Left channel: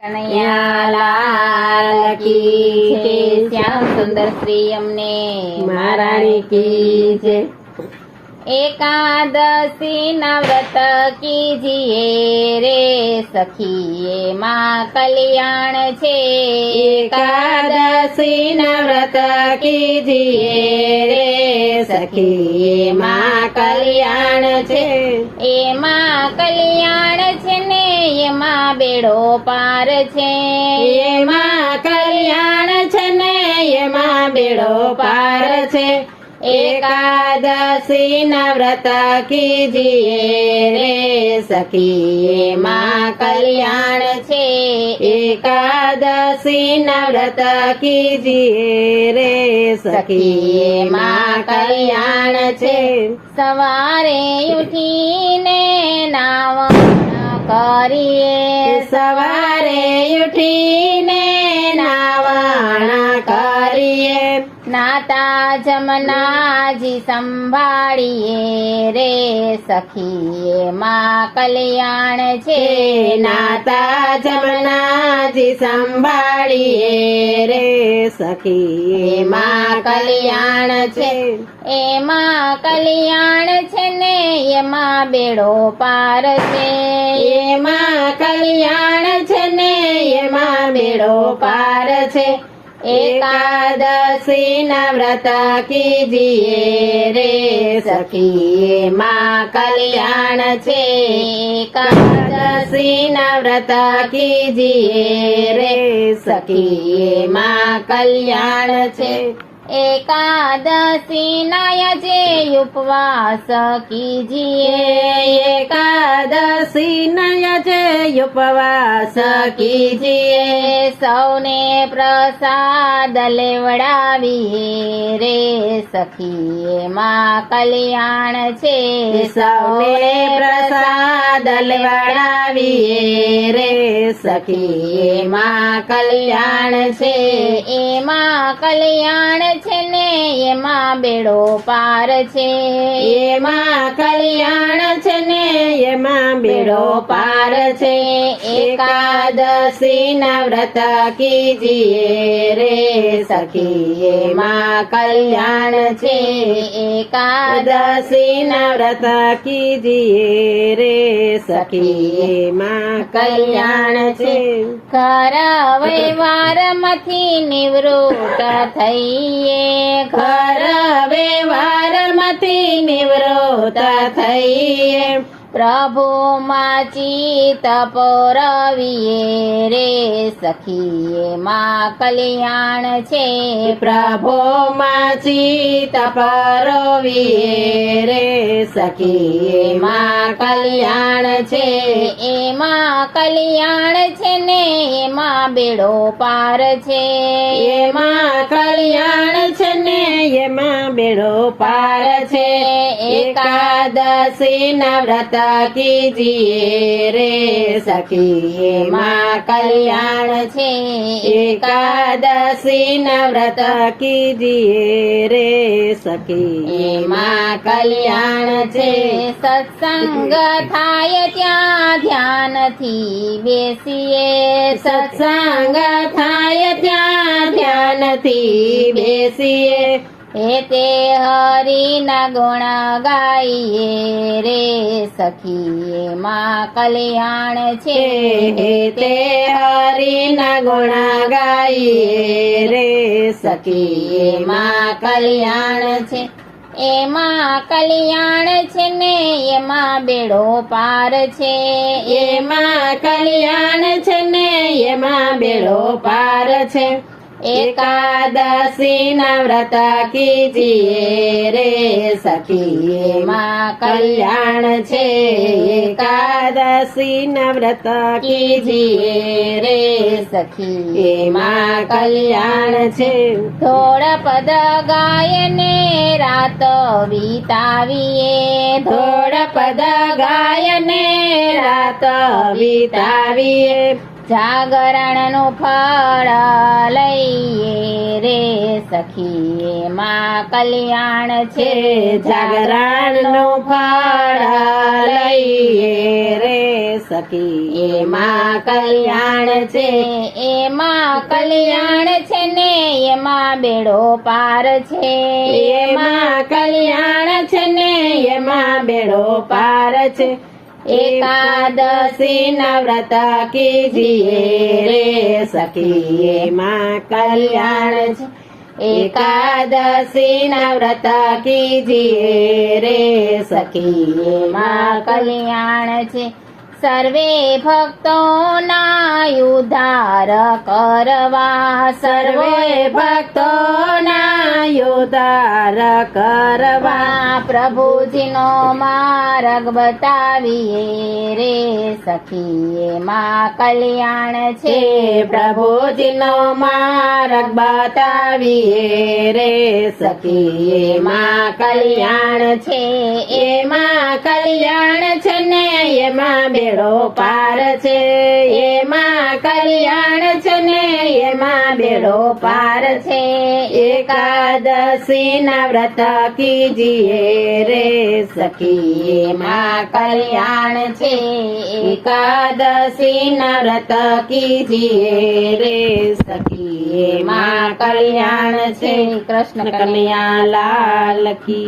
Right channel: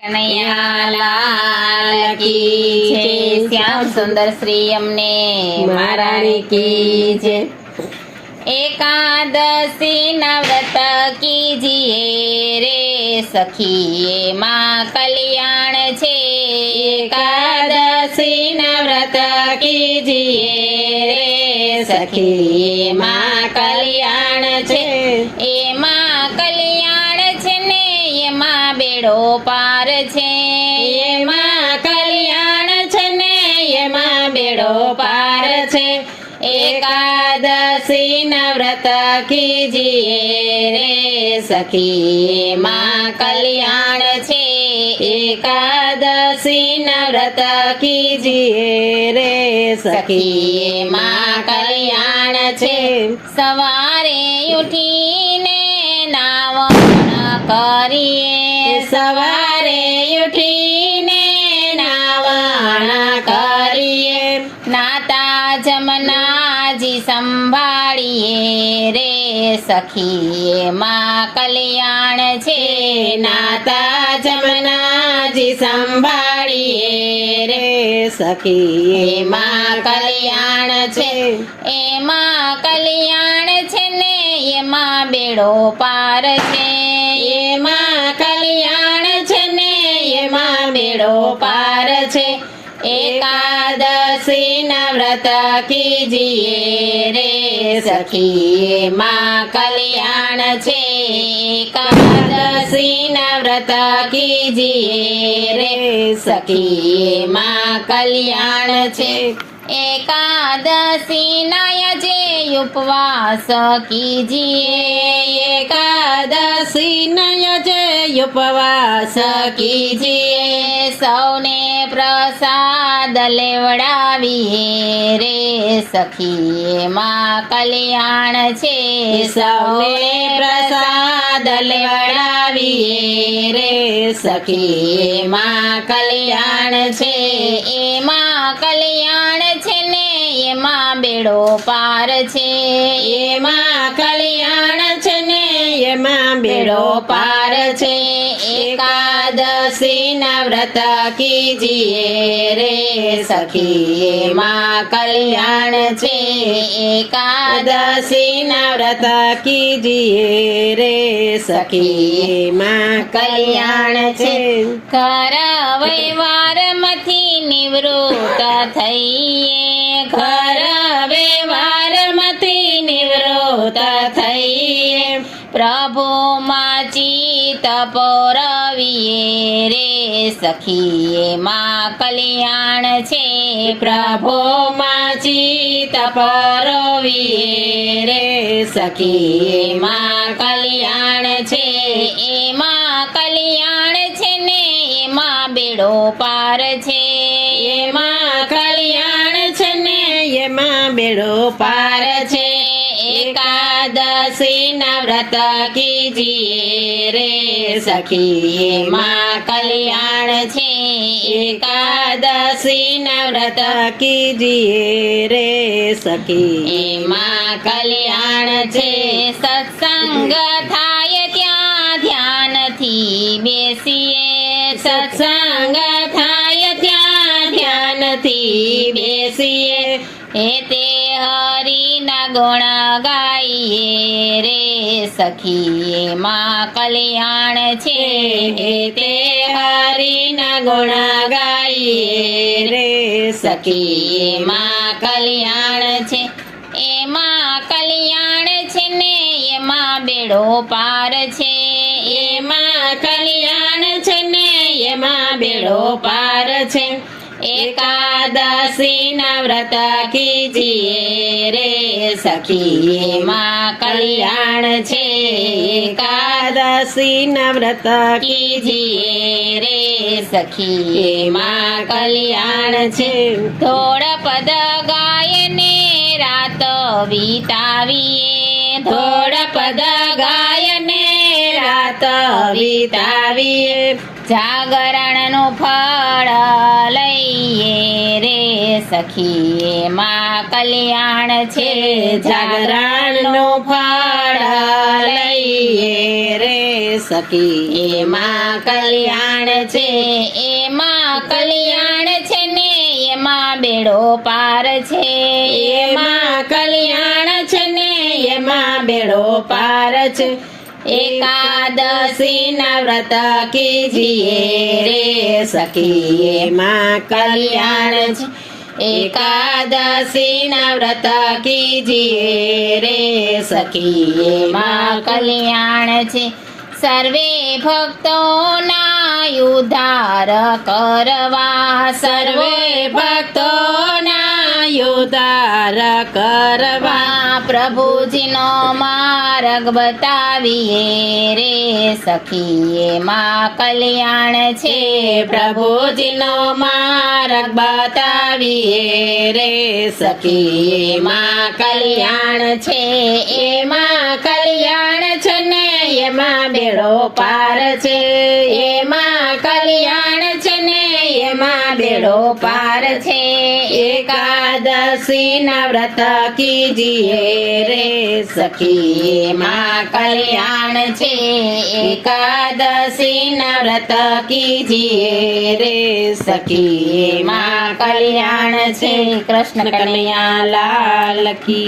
કનૈયા લાલ કી જય, શ્યામ સુંદર શ્રી અમને મહારાણી કી જય। એકાદશી ના વ્રત કીજીએ રે સખીએ માં કલ્યાણ છે। એકાદશી ના વ્રત કીજીએ રે સખીએ માં કલ્યાણ છે। એમાં કલ્યાણ છે ને એમાં બેડો પાર છે। એમાં કલ્યાણ છે ને એમાં બેડો પાર છે। એકાદશી ના વ્રત કીજીએ રે સખી માં કલ્યાણ છે। એકાદશી ના વ્રત કીજીએ રે સખી માં કલ્યાણ છે। સવારે ઉઠીને નાવણ કરીએ, સવારે ઉઠીને નાવણ કરીએ, નાતા જમનાજી સંભાળીએ રે સખીએ માં કલ્યાણ છે। નાતા જમનાજી સંભાળીએ રે સખીએ માં કલ્યાણ છે। એમાં કલ્યાણ છે ને એમાં બેડો પાર છે। એમાં કલ્યાણ છે ને એમાં બેડો પાર છે। એકાદશી ના વ્રત કીજીએ રે સખીએ માં કલ્યાણ છે। એકાદશી ના વ્રત કીજીએ રે સખીએ માં કલ્યાણ છે। એકાદશી ના જે ઉપવાસ કીજીએ, એકાદશી ના જે ઉપવાસ કીજીએ, સૌને પ્રસાદ લેવડાવીએ રે સખીએ માં કલ્યાણ છે। સૌને પ્રસાદ લેવડાવીએ રે સખીએ માં કલ્યાણ છે। એમાં કલ્યાણ છે ને એમાં બેડો પાર છે। એમાં કલ્યાણ છે ને એમાં બેડો પાર છે। એકાદશી ના વ્રત કીજીએ રે સખીએ માં કલ્યાણ છે। એકાદશી ના વ્રત કીજીએ રે સખીએ માં કલ્યાણ છે। ઘર વ્યવહારમાંથી નિવૃત્ત થઈએ, ઘર વ્યવહારમાંથી નિવૃત્ત થઈએ, પ્રભુમાં ચિત્ત પોરવીએ રે સખીએ માં કલ્યાણ છે। પ્રભુમાં ચિત્ત પોરવીએ રે સખીએ માં કલ્યાણ છે। એમાં કલ્યાણ છે ને એમાં બેડો પાર છે। એમાં કલ્યાણ છે ને એમાં બેડો પાર છે। એકાદશી ના વ્રત કીજીએ રે સખીએ માં કલ્યાણ છે। એકાદશી ના વ્રત કીજીએ રે સખીએ માં કલ્યાણ છે। સત્સંગ થાય ત્યાં ધ્યાનથી બેસીએ, સત્સંગ થાય ત્યાં ધ્યાનથી બેસીએ, એ તે હરિના ગુણ ગાઈએ રે સખીએ માં કલ્યાણ છે। એ તે હરિના ગુણ ગાઈએ રે સખીએ માં કલ્યાણ છે। એમાં કલ્યાણ છે ને એમાં બેડો પાર છે। એમાં કલ્યાણ છે ને એમાં બેડો પાર છે। એકાદશી ના વ્રત કીજીએ રે સખીએ માં કલ્યાણ છે। એકાદશી ના વ્રત કીજીએ રે સખીએ માં કલ્યાણ છે। ધોળ પદ ગાયને રાત વિતાવીએ, ધોળ પદ ગાયને રાત વિતાવીએ, જાગરણનું ફળ લઈએ રે સખીએ માં કલ્યાણ છે। જાગરણનું ફળ લઈએ રે સખી એમાં કલ્યાણ છે એમાં કલ્યાણ છે ને એમાં બેડો પાર છે એમાં કલ્યાણ છે ને એમાં બેડો પાર છે એકાદશી એકાદશી ના વ્રત કીજીએ રે સખી એમાં કલ્યાણ છે એકાદશી ના વ્રત કીજીએ રે સખી એમાં કલ્યાણ છે સર્વે ભક્તોના ઉદ્ધાર કરવા સર્વે ભક્તોના ઉદ્ધાર કરવા પ્રભુજીનો માર્ગ બતાવીએ રે સખી એમાં કલ્યાણ છે પ્રભુજીનો માર્ગ બતાવીએ રે સખી એમાં કલ્યાણ છે એમાં કલ્યાણ છે ને એમાં બેડો પાર છે એમાં કલ્યાણ છે ને એમાં બેડો પાર છે એકાદશી ના વ્રત કીજીએ રે સખી એમાં કલ્યાણ છે એકાદશી ના વ્રત કીજીએ રે સખી એમાં કલ્યાણ છે કૃષ્ણ કનૈયા લાલ કી